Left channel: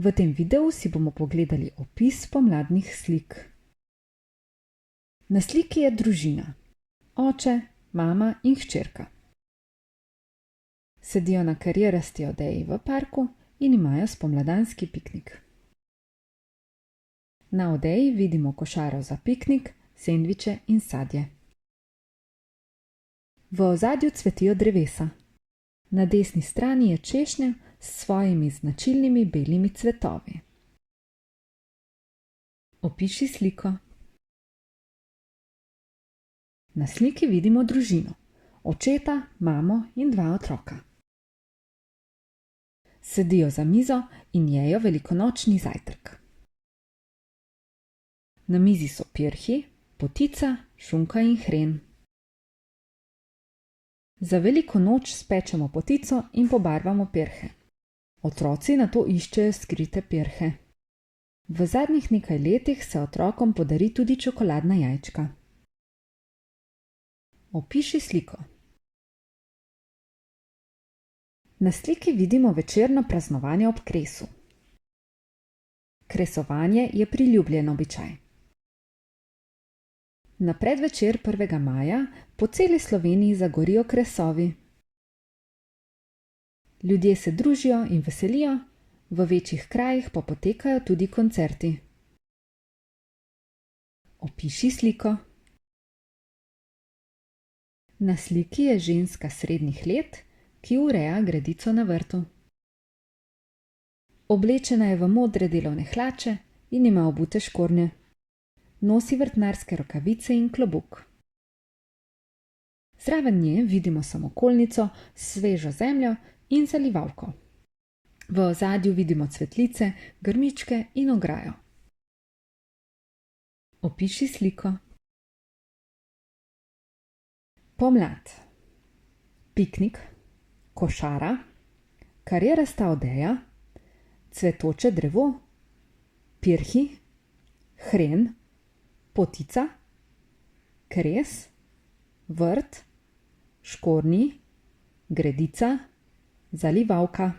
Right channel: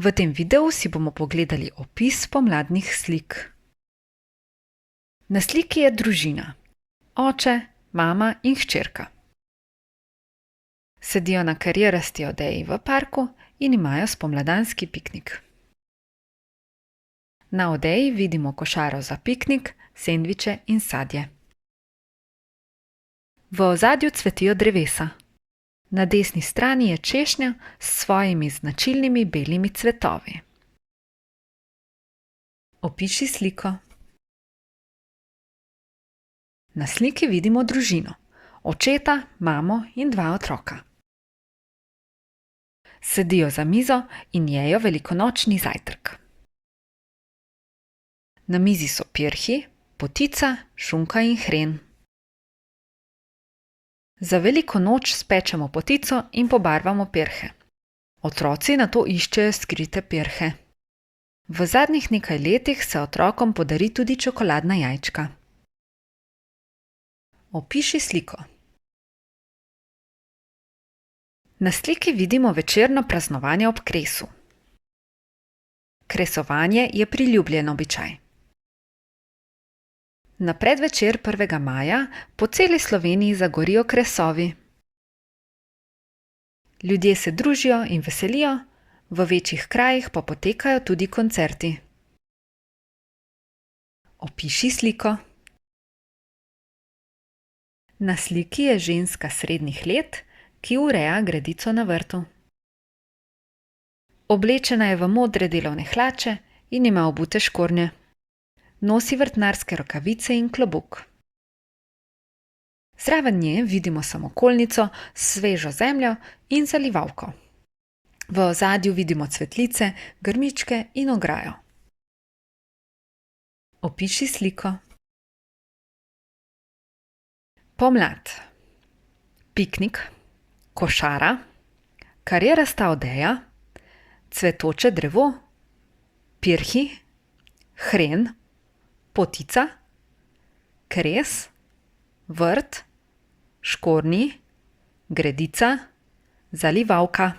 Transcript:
V tem videu si bomo pogledali opis pomladnih slik. Na sliki je družina: oče, mama in hčerka. Sedijo na karierasti odeji v parku in imajo spomladanski piknik. Na odeji vidimo košaro za piknik, sendviče in sadje. V ozadju cvetijo drevesa. Na desni strani je češnja s svojimi značilnimi belimi cvetovi. Opiši sliko. Na sliki vidimo družino: očeta, mamo in 2 otroka. Sedijo za mizo in jejo velikonočni zajtrk. Na mizi so pirhi, potica, šunka in hren. Za veliko noč spečemo potico in pobarvamo pirhe. Otroci nato iščejo skrite pirhe. V zadnjih nekaj letih se otrokom podari tudi čokoladna jajčka. Opiši sliko. Na sliki vidimo večerno praznovanje ob kresu. Kresovanje je priljubljen običaj. Na predvečer 1. maja po celi Sloveniji zagorijo kresovi. Ljudje se družijo in veselijo, v večjih krajih pa potekajo tudi koncerti. Opiši sliko. Na sliki je ženska srednjih let, ki ureja gredico na vrtu. Oblečena je v modre delovne hlače in ima obute škornje. Nosi vrtnarske rokavice in klobuk. Zraven nje vidimo samokolnico s svežo zemljo in zalivalko. V ozadju vidimo cvetlice, grmičke in ograjo. Opiši sliko. Pomlad: piknik, košara, karierasta odeja, cvetoče drevo, pirhi, hren, potica, kres, vrt, škornji, gredica, zalivalka.